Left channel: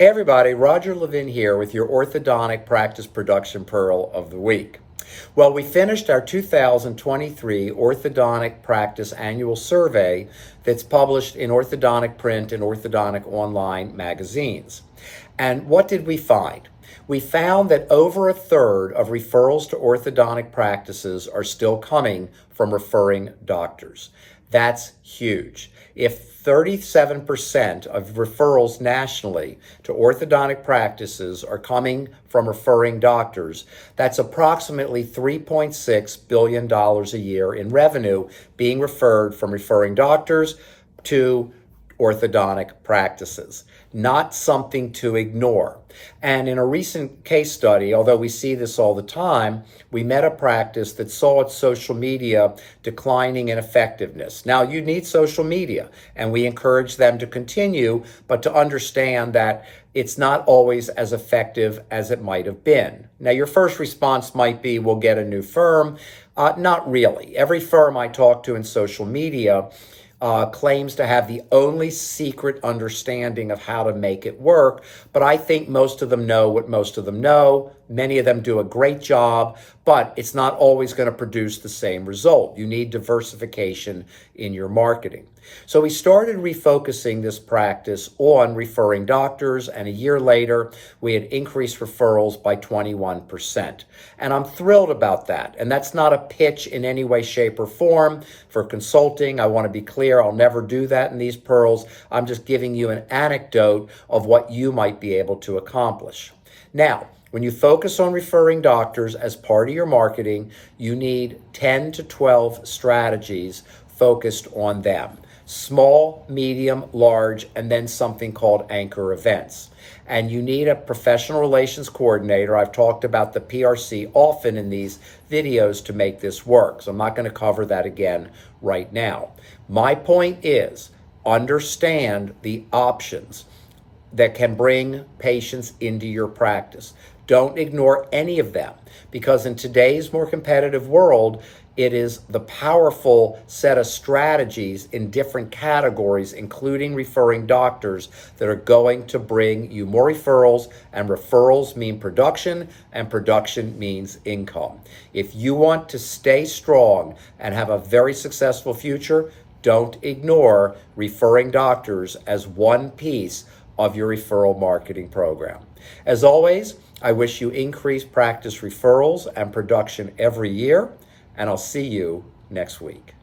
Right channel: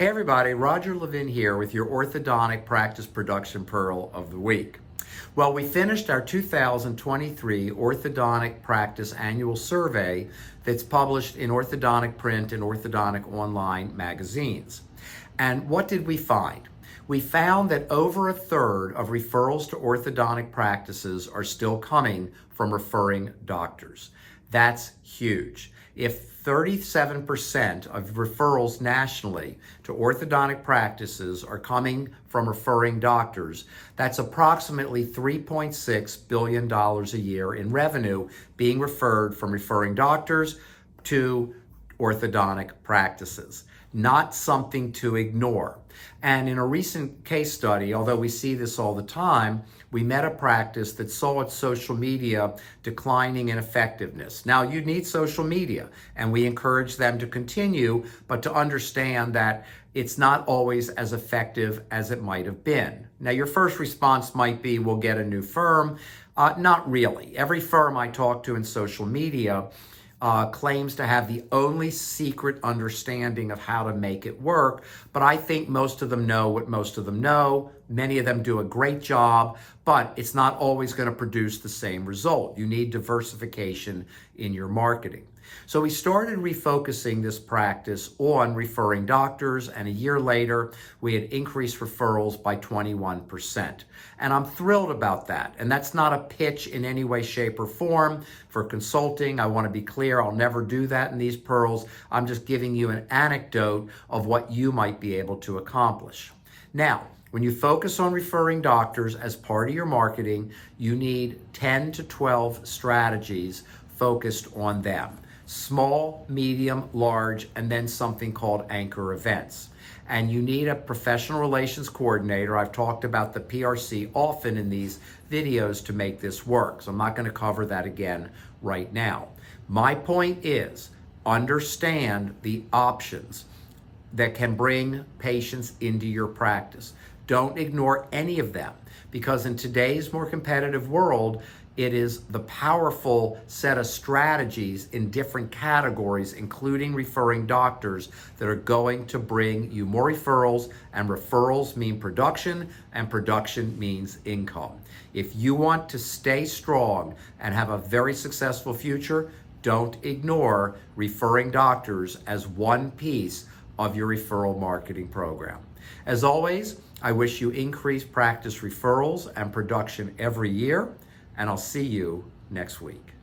Hey everybody, Roger Levin here with your orthodontic practice production pearl of the week. Well, we finished our 2023 orthodontic practice annual survey that's published in orthodontic print and orthodontic online magazines. And what did we find? We found that over a third of referrals to orthodontic practices are still coming from referring doctors. That's huge. If 37% of referrals nationally to orthodontic practices are coming from referring doctors, that's approximately $3.6 billion a year in revenue being referred from referring doctors to orthodontic practices. Not something to ignore. And in a recent case study, although we see this all the time, we met a practice that saw its social media declining in effectiveness. Now, you need social media, and we encourage them to continue, but to understand that it's not always as effective as it might have been. Now, your first response might be, we'll get a new firm. Not really. Every firm I talk to in social media claims to have the only secret understanding of how to make it work, but I think most of them know what most of them know. Many of them do a great job, but it's not always going to produce the same result. You need diversification in your marketing. So we started refocusing this practice on referring doctors, and a year later, we had increased referrals by 21%. And I'm thrilled about that. And that's not a pitch in any way, shape, or form for consulting. I want to be clear, I'll never do that in these pearls. I'm just giving you an anecdote of what you might be able to accomplish. Now, when you focus on referring doctors as part of your marketing, you need 10 to 12 strategies focused on them. Small, medium, large, and then something called anchor events. And you need a professional relations coordinator. I've talked about the PRC often in these videos to make this work, so I'm not going to cover that again right now. My point is, understand the options that can bring patients into your practice. Don't ignore any of them, because in today's more competitive world, it is the powerful set of strategies in different categories, including referring doctors, that are going to bring you more referrals, and referrals mean production, and production means income. If you want to stay strong and have a very successful future, don't ignore referring doctors as one piece of your referral marketing program. As always, I wish you increased practice referrals and production every year, and I'll see you next week.